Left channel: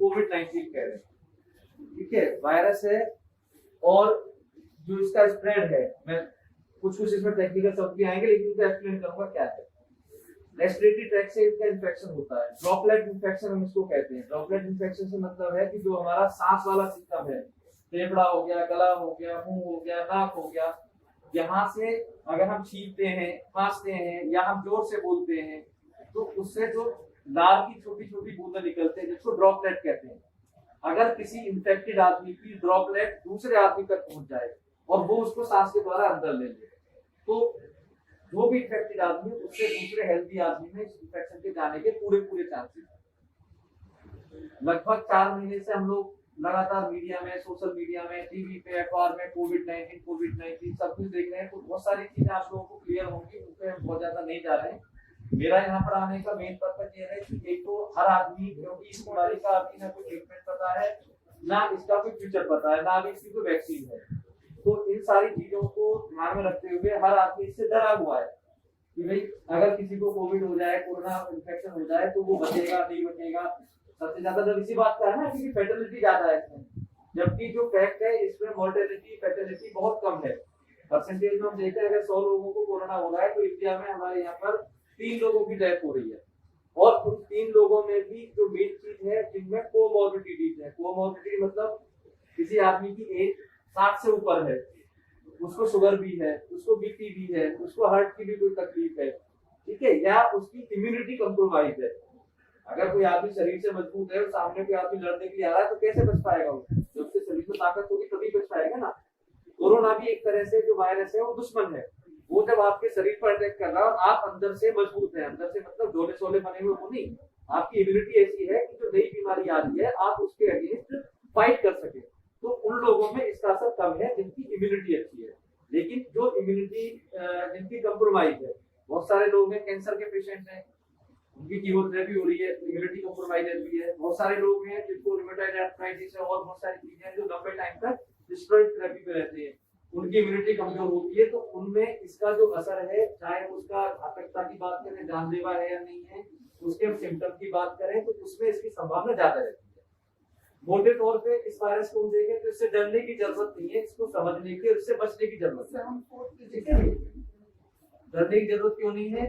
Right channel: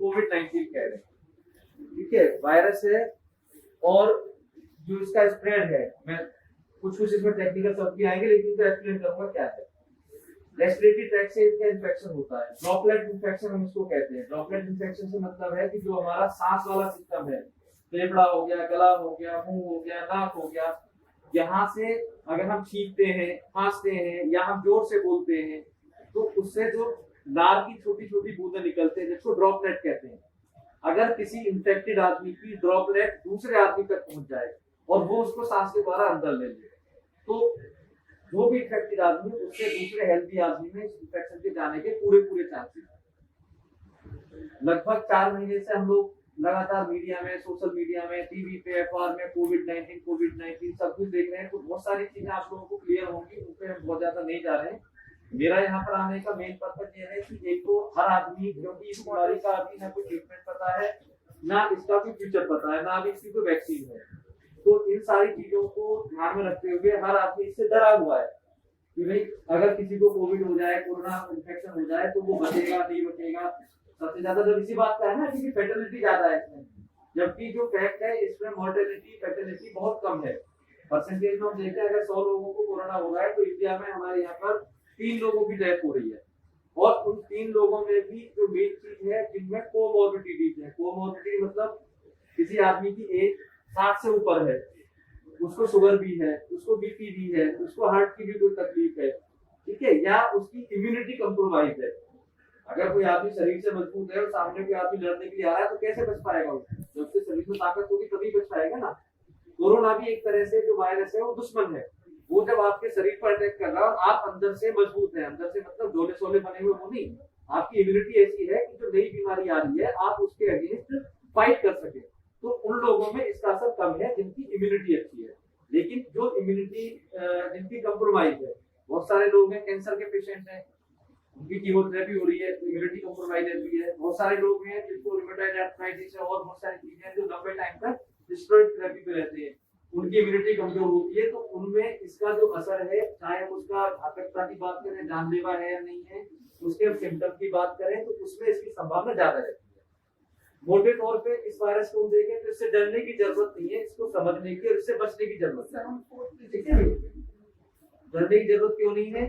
कोविड-19 कह रहे हैं, ठीक है, वायरस है। और जो इसका स्प्रेड है, मैं कुछ इसमें टेक्निकल शब्द भी आएंगे, लेकिन इसको एक्सप्लेन करूंगा क्या है। रेस्पिरेटरी ट्रैक्ट से इसका इन्फेक्शन होता है, ड्रॉपलेट इन्फेक्शन हम इसको कहते हैं। ड्रॉपलेट इन्फेक्शन से मतलब है कि जो हमारा सांस वाला सिस्टम है, फेफड़ा हो गया, गला हो गया, मुंह हो गया, नाक हो गया, यहाँ से अगर हम छींकते हैं, खांसते हैं या हम जोर से बोलते हैं, तो उससे जो लार की छोटी छोटी बूंदें निकलते हैं, जिसको ड्रॉपलेट कहते हैं। अगर किसी इन्फेक्टेड आदमी की ड्रॉपलेट दूसरे आदमी तक पहुंच जाए और वो उसको सांस के द्वारा अंदर ले ले, तो जो भी इन्फेक्टेड आदमी उससे दूसरे हेल्दी आदमी में इस इन्फेक्शन के जाने के पूरे चांसेस। लगभग 4 महीने से हम लोग लगातार मीडिया में, सोशल मीडिया में, टीवी पे, अखबार में कोविड-19 सब कुछ देख रहे हैं। तो बहुत सारी चीजें आप लोगों को क्लियर होंगी, उस पर हम बहुत ज्यादा नहीं जा रहे हैं। मेरा यहाँ पर आने का मेन पर्पज ये है कि एक तो हर आदमी, क्योंकि इस बीमारी का अभी ना कोई ट्रीटमेंट पता है, ना इसका कोई फ्यूचर पता है, ना अभी इसकी कोई वैक्सीन है। तो इन सारी चीजों को ध्यान में रखते हुए हर आदमी इससे डरा हुआ है कि भाई अगर किसी को कोविड हो जाए, कोरोना इन्फेक्शन हो जाए, तो वो बचेगा नहीं बचेगा। सबसे ज्यादा जब इसी बात का है ना कि फैटेलिटी ज्यादा है इसमें, जबकि जो फैक्ट है इसमें मोर्टेलिटी फैटेलिटी बहुत कम है। परसेंटेज में हम देखते हैं, अगर 100 लोगों को कोरोना हो रहा है तो इंडिया में हमारे यहाँ पर 3 लोगों की डेथ हो रही है। और उन 3 लोगों में भी जो मेन चीज है, जिनमें कोमॉर्बिडिटीज है। कोमॉर्बिडिटी मतलब किसी आदमी की एज 60 से ऊपर है, उसको शुगर भी है, उसको बीपी भी है, उसको हार्ट की भी कोई तकलीफ है, ठीक है, या उसकी इम्यूनिटी कंप्रोमाइज है। अगर कोई आदमी शरीर से मजबूत है और सामने कोई आदमी लड़ने के लिए आ रहा है, तो कैसे बच पाएगा उससे? जब उसके शरीर में ताकत होगी तभी बच पाएगा ना। कोरोना भी एक तरह से जो वायरस है वो दुश्मन है। वो जब आपके शरीर पर अटैक कर रहा है और आप अंदर से मजबूत है, अंदर से मतलब जोले सोले बने हुए हो नहीं, आपकी इम्यूनिटी ऐसी है कि जो नई बीमारी आ रही है आप उसके अगेंस्ट फाइट कर सके, तो उन लोगों में इसका असर कम है जिनकी इम्यूनिटी अच्छी है। लेकिन जो इम्यूनिटी जिनकी कंप्रोमाइज है, बहुत सारे लोग हैं कैंसर के पेशेंट हैं, उनकी कीमोथेरेपी हो रही है, इम्यूनिटी कंप्रोमाइज भी है। बहुत सारे लोग हैं जिनको रूमेटॉइड आर्थराइटिस है और बहुत सारी चीजें हैं जो लंबे टाइम तक स्टेरॉइड थेरेपी पे रहते हैं, उनकी इम्यूनिटी कमजोर होती है। तो उनमें इसका जो असर है, चाहे हम उसका घातकता की बात करें, जानलेवा है या नहीं है, उसके सिम्टम की बात करें, तो उसमें इसकी संभावना ज्यादा रहती है। मोटे तौर पे इस वायरस को देखें तो इससे डरने की जरूरत नहीं है, इसको समझने की और इससे बचने की जरूरत है, ठीक है। डरने की जरूरत क्यों नहीं है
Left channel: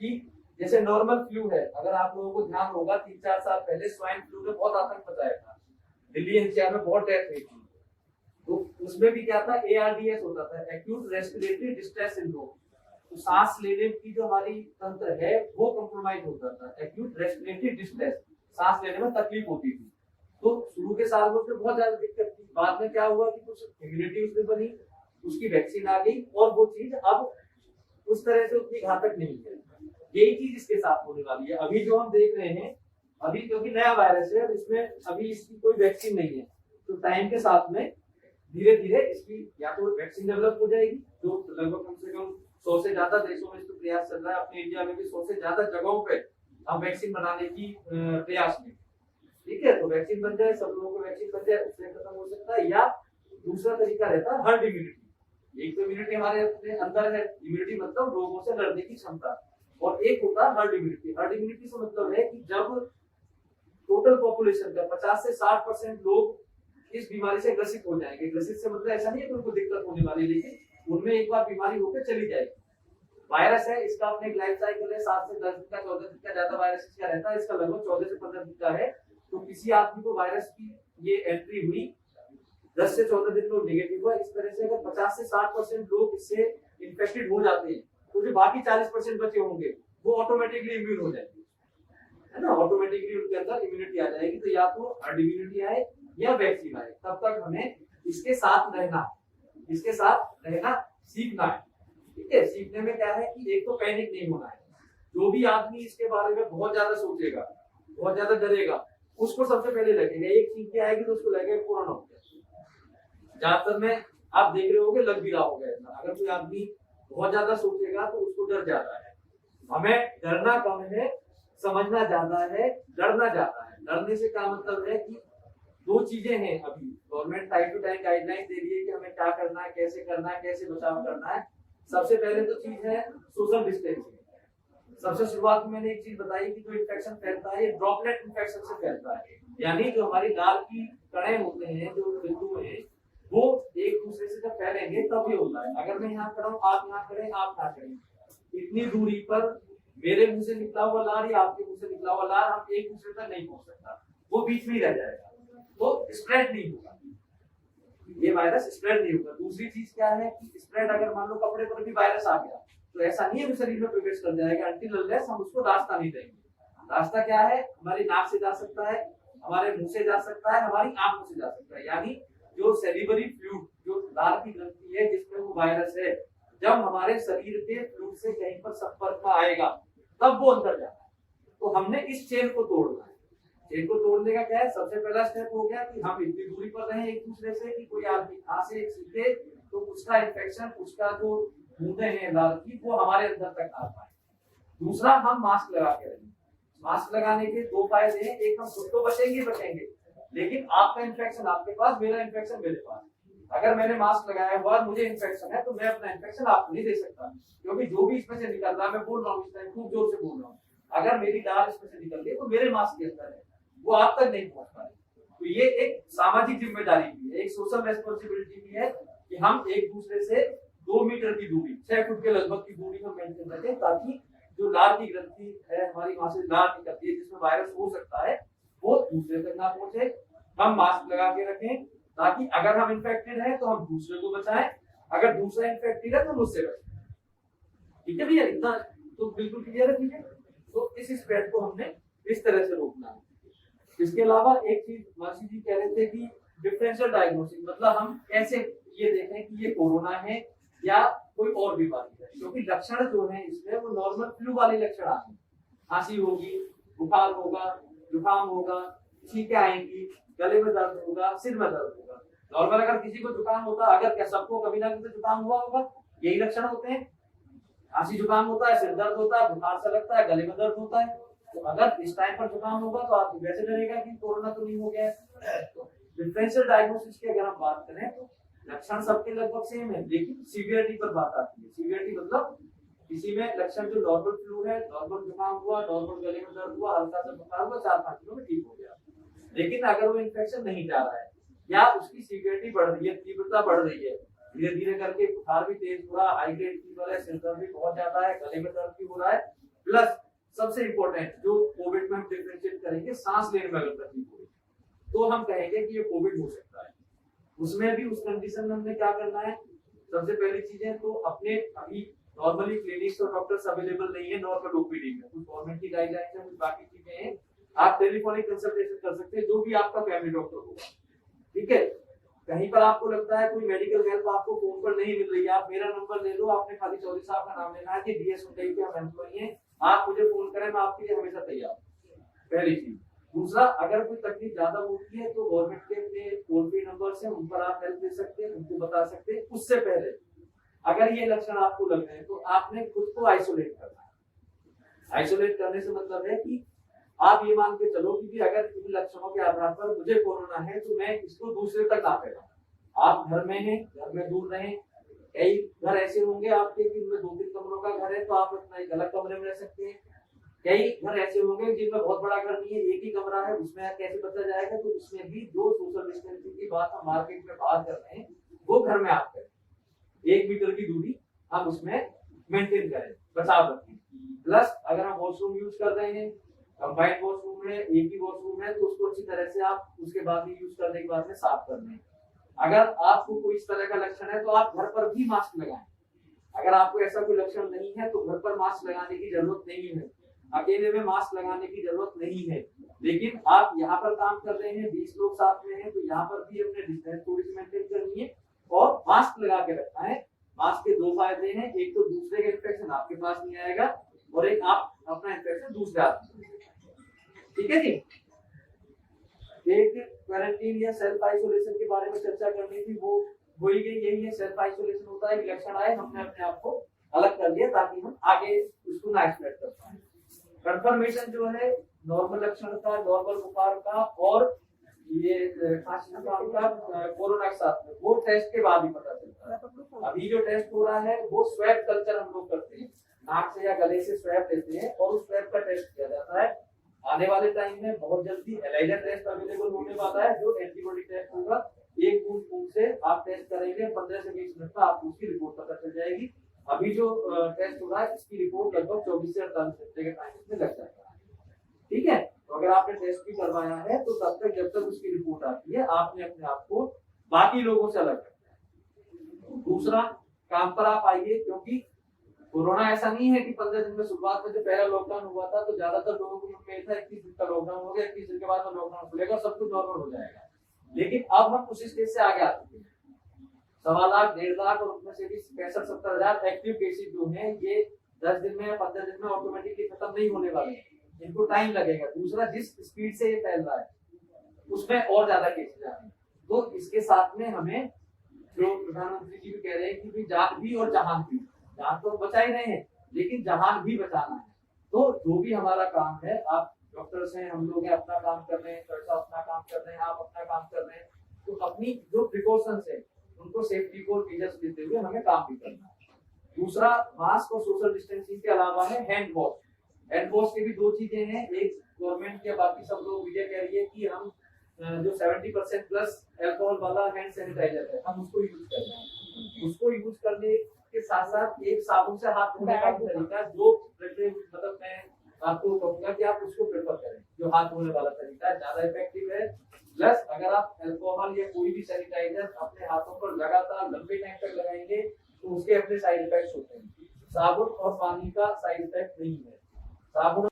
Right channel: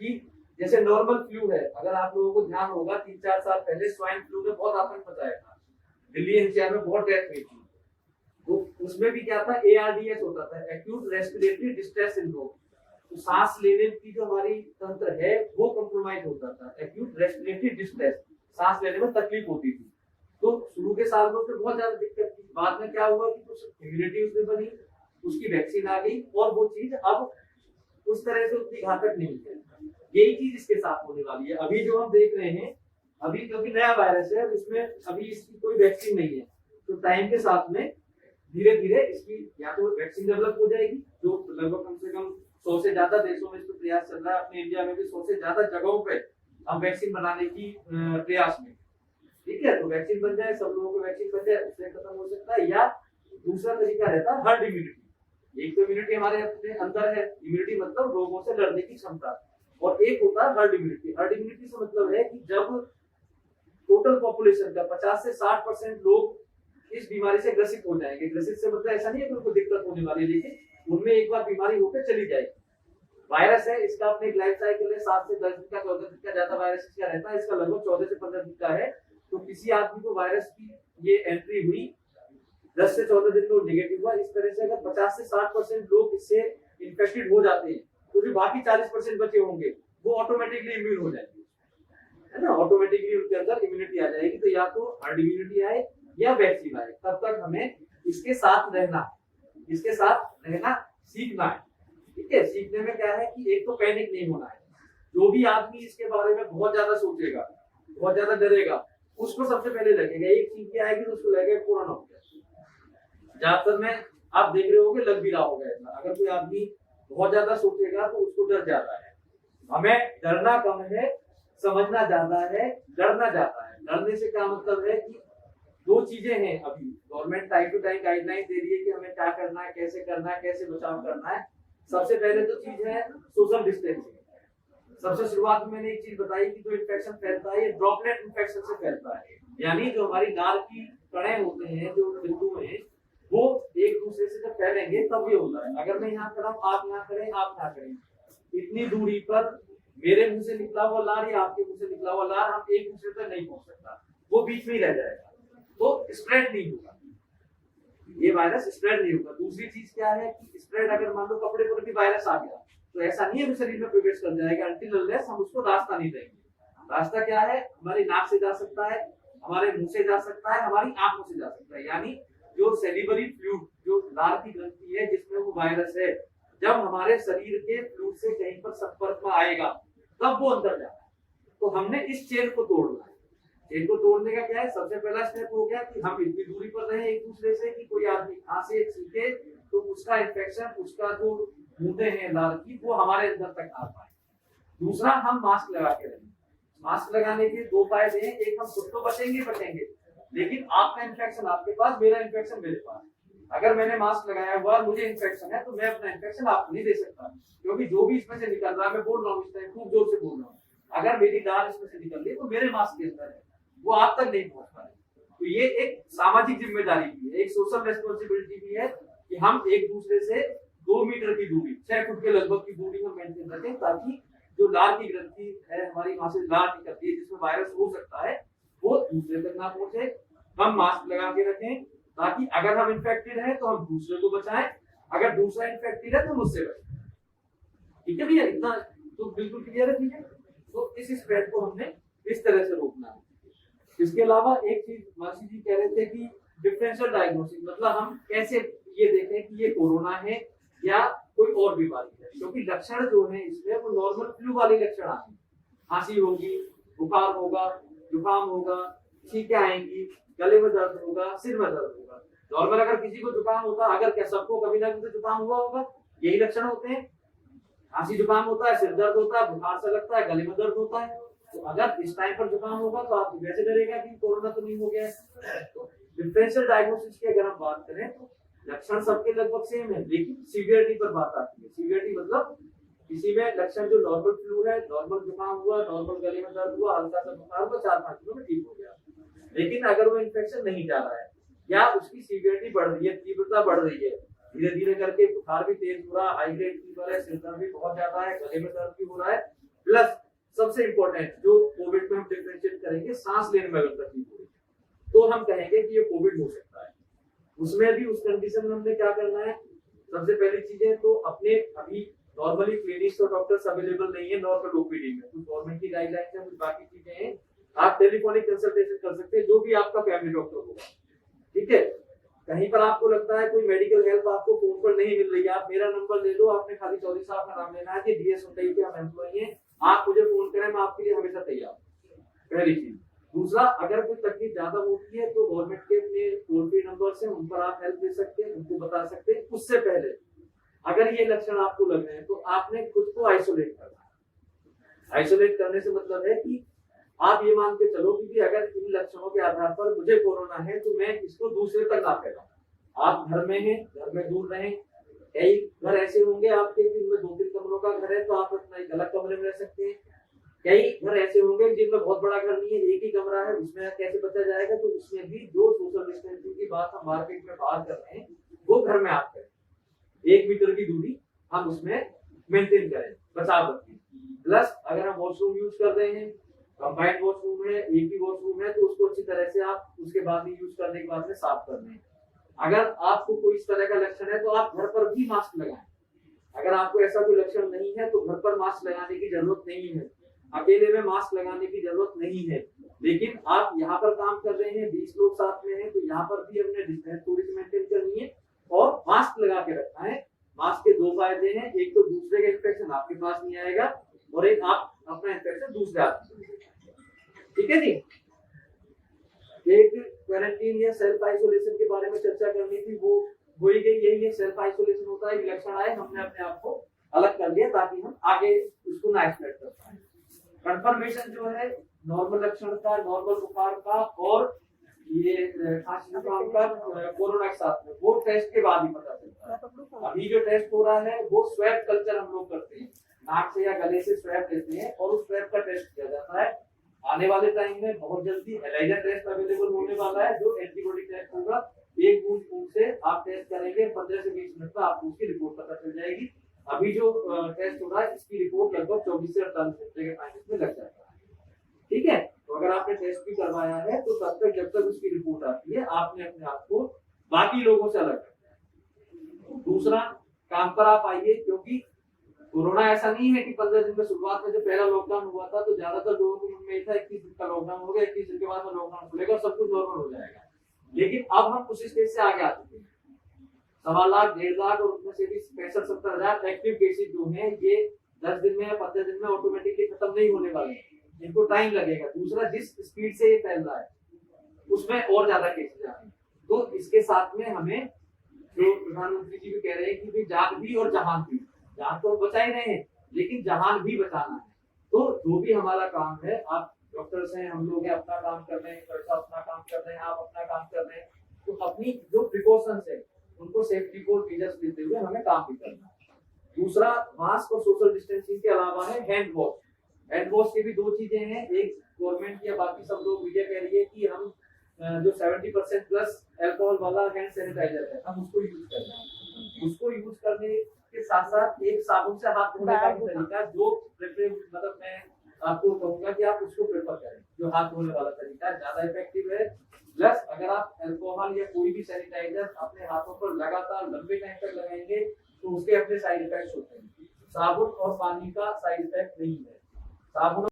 कि जैसे नॉर्मल फ्लू है, अगर आप लोगों को ध्यान होगा 3-4 साल पहले स्वाइन फ्लू ने बहुत आतंक मचाया था, दिल्ली एनसीआर में बहुत डेथ हुई थी। तो उसमें भी क्या था, ARDS होता था, एक्यूट रेस्पिरेटरी डिस्ट्रेस सिंड्रोम। तो सांस लेने की जो हमारी तंत्र है वो कंप्रोमाइज होता था, एक्यूट रेस्पिरेटरी डिस्ट्रेस, सांस लेने में तकलीफ होती थी। तो शुरू के साल में उसमें बहुत ज्यादा दिक्कत थी। बाद में क्या हुआ कि कुछ इम्यूनिटी उसमें बनी, उसकी वैक्सीन आ गई और वो चीज अब उस तरह से उतनी घातक नहीं है। यही चीज इसके साथ होने वाली है। अभी जो हम देख रहे हैं, अभी क्योंकि नया वायरस है, इसमें अभी इसकी कोई वैक्सीन नहीं है, तो टाइम के साथ में धीरे धीरे इसकी या तो वैक्सीन डेवलप हो जाएगी, जो लगभग कम से कम 100 से ज्यादा देशों में इसको प्रयास चल रहा है। अपने इंडिया में भी 100 से ज्यादा जगहों पे हम वैक्सीन बनाने की प्रयास में, ठीक है। तो वैक्सीन बन जाए, सब लोगों को वैक्सीन बन जाए, उससे खत्म हो सकता है। या दूसरा तरीका रहता है हर्ड इम्यूनिटी। एक तो इम्यूनिटी हमारे अपने अंदर है, इम्यूनिटी मतलब रोगों से लड़ने की क्षमता, और एक होता है हर्ड इम्यूनिटी। हर्ड इम्यूनिटी से मतलब है कि जब टोटल पॉपुलेशन का 50 से 60% लोग इस बीमारी से ग्रसित हो जाएंगे। ग्रसित से मतलब ऐसा नहीं है कि उनको दिक्कत होने वाली है, लेकिन उनमें एक बार बीमारी होकर चली जाएगी। वायरस है, इसका अपने एक लाइफ साइकिल है, 7 से 10 दिन का, 14 दिन का ज्यादा वायरस इसका रहता है, इसका लगभग 14 से 15 दिन का है। तो किसी आदमी को वायरस की ये एंट्री हुई, 10 से 14 दिन में नेगेटिव हुआ, इस तरह से अगर 50 से 60% लोग इससे इन्फेक्टेड हो जाते हैं, तो जो बाकी 40% बचे होंगे वो ऑटोमेटिकली इम्यून हो जाएंगे, है ना। ऑटोमेटिकली उनके अंदर इम्यूनिटी आ जाएगी। तो या तो हर्ड इम्यूनिटी आए या वैक्सीन आए, तब तक हमें इसके साथ रहना, इसके साथ रहना सीखना है, ठीक है। सीखने में क्या है कि एक तो पैनिक नहीं होना है। जो भी आदमी इसके बारे में बहुत ज्यादा सोचेगा, बहुत ज्यादा डरेगा, उसको सबसे पहले लगेगा, एक चीज की आएगी तो उसको लगेगा कोरोना हो गया। ज्यादातर में आप देख रहे होंगे लग भी रहा होगा ऐसा। अगर कोई आदमी बहुत ज्यादा सोचेगा तो उसको डर जाता है। हमें डरना कम है, समझना ज्यादा है, डरना ज्यादा है। डरने से क्या मतलब है कि 2 चीजें हैं। अभी government time to time guideline दे रही है कि हमें क्या करना है, कैसे करना है, कैसे बचाव करना है। सबसे पहले तो चीज है सोशल डिस्टेंसिंग। सबसे शुरुआत में मैंने एक चीज बताई कि जो इन्फेक्शन फैलता है ये ड्रॉपलेट इन्फेक्शन से फैलता है। यानी जो हमारी लार की कणें होते हैं, जो बिंदु हैं, वो एक दूसरे से जब फैलेंगे तब ये होता है। अगर मैं यहाँ खड़ा हूँ, आप यहाँ खड़े, आप यहाँ खड़े, इतनी दूरी पर मेरे मुंह से निकला हुआ लार या आपके मुंह से निकला हुआ लार हम एक दूसरे तक नहीं पहुंच सकता, वो बीच में ही रह जाएगा, वो स्प्रेड नहीं होगा, ये वायरस स्प्रेड नहीं होगा। दूसरी चीज क्या है कि स्प्रेड अगर मान लो कपड़े पर भी वायरस आ गया तो ऐसा नहीं है कि शरीर में प्रवेश कर जाएगा, अनटिल अनलेस हम उसको रास्ता नहीं देंगे। रास्ता क्या है? हमारी नाक से जा सकता है, हमारे मुंह से जा सकता है, हमारी आंखों से जा सकता है। यानी जो सेलिवरी फ्लूइड, जो लार की ग्रंथि है जिसमें वो वायरस है, जब हमारे शरीर के फ्लूइड से कहीं पर संपर्क में आएगा तब वो अंदर जाता है। तो हमने इस चेन को तोड़ना है। चेन को तोड़ने का क्या है? सबसे पहला स्टेप हो गया कि हम इतनी दूरी पर रहे एक दूसरे से कि कोई आदमी यहाँ से सीखे तो उसका इन्फेक्शन, उसका जो बूंदे हैं लार की, वो हमारे अंदर तक आ पाए। दूसरा, हम मास्क लगा के रहें। मास्क लगाने के दो फायदे हैं, एक हम खुद तो बचेंगे, लेकिन आपका इन्फेक्शन आपके पास, मेरा इन्फेक्शन मेरे पास। अगर मैंने मास्क लगाया हुआ मुझे इन्फेक्शन है तो मैं अपना इन्फेक्शन आपको नहीं दे सकता, क्योंकि जो भी इसमें से निकल रहा है, मैं बोल रहा हूँ इस टाइम खूब जोर से बोल रहा हूँ, अगर मेरी लार इसमें से निकल रही है तो मेरे मास्क के अंदर है, वो आप तक नहीं पहुंच पाए। तो ये एक सामाजिक जिम्मेदारी भी है, एक सोशल रेस्पॉन्सिबिलिटी भी है कि हम एक दूसरे से 2 मीटर की दूरी, 6 फुट के लगभग की दूरी में मेंटेन रखें, ताकि जो लार की ग्रंथि है हमारी, वहां से लार निकलती है जिसमें वायरस हो सकता है, वो दूसरे तक ना पहुंचे। हम मास्क लगा के रखें ताकि अगर हम इन्फेक्टेड हैं तो हम दूसरे को बचाएं, अगर दूसरा इन्फेक्टेड है तो मुझसे बचाएं। ठीक है भैया, इतना तो बिल्कुल क्लियर है भैया। तो इस स्प्रेड को हमने इस तरह से रोकना है। इसके अलावा एक चीज मासी जी कह रहे थे कि डिफरेंशियल डायग्नोसिस, मतलब हम कैसे ये देखें कि ये कोरोना है या कोई और बीमारी है, क्योंकि लक्षण जो है इसमें वो नॉर्मल फ्लू वाले लक्षण आते हैं। खांसी होगी, बुखार होगा, जुकाम होगा, छींकें आएंगी, गले में दर्द होगा, सिर में दर्द होगा। नॉर्मल अगर किसी को जुकाम होता है, अगर क्या सबको कभी ना कभी जुकाम हुआ होगा, यही लक्षण होते हैं। खांसी जुकाम होता है, सिर दर्द होता है, बुखार सा लगता है, गले में दर्द होता है। तो अगर इस टाइम पर जुकाम होगा तो आप वैसे डरेगा कि कोरोना तो नहीं हो गया है। तो डिफरेंशियल डायग्नोसिस की अगर हम बात करें तो लक्षण सबके लगभग सेम है, लेकिन सीवियरिटी पर बात आती है। सीवियरिटी मतलब किसी में लक्षण जो नॉर्मल फ्लू है, नॉर्मल जुकाम हुआ, नॉर्मल गले में दर्द हुआ, हल्का सा बुखार हुआ, 4-5 दिनों में ठीक हो गया। लेकिन अगर वो इन्फेक्शन नहीं जा रहा है या उसकी सीवियरिटी बढ़ रही है, तीव्रता बढ़ रही है, धीरे धीरे करके बुखार भी तेज हो रहा है, हाई ग्रेड फीवर है, सिर दर्द भी बहुत ज्यादा है, गले में दर्द भी हो रहा है, प्लस सबसे इंपॉर्टेंट जो कोविड में हम डिफरेंशिएट करेंगे, सांस लेने में अगर तकलीफ हो रही है तो हम कहेंगे कि ये कोविड हो सकता है। उसमें भी उस कंडीशन में हमने क्या करना है? सबसे पहली चीजें तो अपने, अभी नॉर्मली क्लिनिक्स और डॉक्टर्स अवेलेबल नहीं है नॉर्मल ओपीडी में, कुछ गवर्नमेंट की गाइडलाइंस है, कुछ बाकी चीजें हैं, आप टेलीफोनिक कंसल्टेशन कर सकते हैं जो भी आपका फैमिली डॉक्टर होगा। ठीक है, कहीं पर आपको लगता है कोई मेडिकल हेल्प आपको फोन पर नहीं मिल रही है, आप मेरा नंबर ले लो, आपने खाली चौधरी साहब का नाम लेना है कि डीएस उन्नई के हम एम्प्लॉई हैं, आप मुझे फोन करें, मैं आपके लिए हमेशा तैयार हूं। पहली चीज। दूसरा, अगर कोई तकलीफ ज्यादा होती है तो गवर्नमेंट के अपने टोल फ्री नंबर्स हैं, उन पर आप हेल्प दे सकते हैं, उनको बता सकते हैं। उससे पहले अगर ये लक्षण आपको लग रहे हैं तो आपने खुद को आइसोलेट करना है। आइसोलेट करने से मतलब है कि आप ये मान के चलो कि अगर इन लक्षणों के आधार पर मुझे कोरोना है तो मैं इसको दूसरे तक ना फैलाऊं। आप घर में हैं, घर में दूर रहें। कई घर ऐसे होंगे आपके कि उनमें 2-3 कमरों का घर है तो आप अपना एक अलग कमरे में रह सकते हैं। कई घर ऐसे होंगे जिनमें बहुत बड़ा घर नहीं है, एक ही कमरा है, उसमें कैसे बचा जाएगा? तो उसमें भी जो सोशल डिस्टेंसिंग की बात हम मार्केट में बात कर रहे हैं वो घर में आप करें, 1 मीटर की दूरी हम उसमें मेंटेन करें, बचाव रखें। प्लस अगर हम वॉशरूम यूज कर रहे हैं, कंबाइंड वॉशरूम है, एक ही वॉशरूम है, तो उसको अच्छी तरह से आप उसके बाद में यूज करने के बाद में साफ कर लें। अगर आपको कोई इस तरह का लक्षण है तो आप घर पर भी मास्क लगाएं। अगर आपको ऐसा कोई लक्षण नहीं है तो घर पर मास्क लगाने की जरूरत नहीं है, अकेले में मास्क लगाने की जरूरत नहीं है। लेकिन आप यहाँ पर काम कर रहे हैं, 20 लोग साथ में हैं, तो यहाँ पर भी अपने डिस्टेंस थोड़ी सी मेंटेन करनी है और मास्क लगा के रखना है। मास्क के 2 फायदे हैं, एक तो दूसरे का इन्फेक्शन आपके पास नहीं आएगा और एक आप अपना इन्फेक्शन दूसरे आदमी। ठीक है जी। एक क्वारंटीन या सेल्फ आइसोलेशन के बारे में चर्चा करनी थी, वो हो ही गई। यही है, सेल्फ आइसोलेशन होता है, लक्षण आए हमने अपने आप को अलग कर लिया ताकि हम आगे उसको ना एक्सपेक्ट कर पाए। कंफर्मेशन जो है नॉर्मल लक्षण का, नॉर्मल बुखार का और ये खांसी जुकाम का कोरोना के साथ में, वो टेस्ट के बाद ही पता चलता है। अभी जो टेस्ट हो रहा है वो स्वैब कल्चर हम लोग करते हैं, नाक से या गले से स्वैब लेते हैं और उस स्वैब का टेस्ट किया जाता है। आने वाले टाइम में बहुत जल्दी एलाइजा टेस्ट अवेलेबल होने वाला है, जो एंटीबॉडी टेस्ट होगा। एक बूंद खून से आप टेस्ट करेंगे, 15 से 20 मिनट में आपको उसकी रिपोर्ट पता चल जाएगी। अभी जो टेस्ट हो रहा है इसकी रिपोर्ट लगभग 24 से 48 घंटे के टाइम में लग जाएगा। ठीक है, तो अगर आपने टेस्ट भी करवाया है तो तब तक जब तक उसकी रिपोर्ट आती है आपने अपने आप को बाकी लोगों से अलग रखना है। दूसरा, काम पर आप आइए, क्योंकि कोरोना ऐसा नहीं है कि 15 दिन में शुरुआत में जो पहला लॉकडाउन हुआ था तो ज्यादातर लोगों को मन में था 21 दिन का लॉकडाउन हो गया, 21 दिन के बाद में लॉकडाउन खुलेगा और सब कुछ नॉर्मल हो जाएगा। लेकिन अब हम उस स्टेज से आगे आ चुके हैं। 1.25 लाख 1.5 लाख और उसमें से भी 65-70 एक्टिव केसेस जो हैं ये 10 दिन में या 15 दिन में ऑटोमेटिकली खत्म नहीं होने वाले हैं, इनको टाइम लगेगा। दूसरा, जिस स्पीड से ये फैल रहा है उसमें और ज्यादा केसेस आ रहे हैं। तो इसके साथ में हमें, जो प्रधानमंत्री जी भी कह रहे हैं कि जान भी और जहान भी, जान तो बचा ही रहे हैं लेकिन जहान भी बचाना है। तो जो भी हमारा काम है, आप डॉक्टर्स हैं, हम लोग हैं, अपना काम कर रहे हैं, अपना काम कर रहे हैं, आप अपना काम कर रहे हैं, तो अपनी जो प्रिकॉशंस है उनको सेफ्टी को मेजर्स देते हुए हमें काम भी करना है। दूसरा, मास्क और सोशल डिस्टेंसिंग के अलावा है हैंड वॉश। हैंड वॉश की भी दो चीजें हैं, एक गवर्नमेंट या बाकी सब लोग मीडिया कह रही है कि हम जो 70% प्लस अल्कोहल वाला हैंड सैनिटाइजर है हम उसको यूज कर रहे हैं। उसको यूज करने के साथ साथ एक साबुन से हाथ धोने का तरीका, जो मतलब मैं आपको कहूंगा कि आप उसको प्रेफर करें, जो हाथ धोने वाला तरीका है, ज्यादा इफेक्टिव है। प्लस अगर आप अल्कोहल या कोई भी सैनिटाइजर अपने हाथों पर लगातार लंबे टाइम तक लगाएंगे तो उसके अपने साइड इफेक्ट्स होते हैं। साबुन और पानी का साइड इफेक्ट नहीं है। साबुन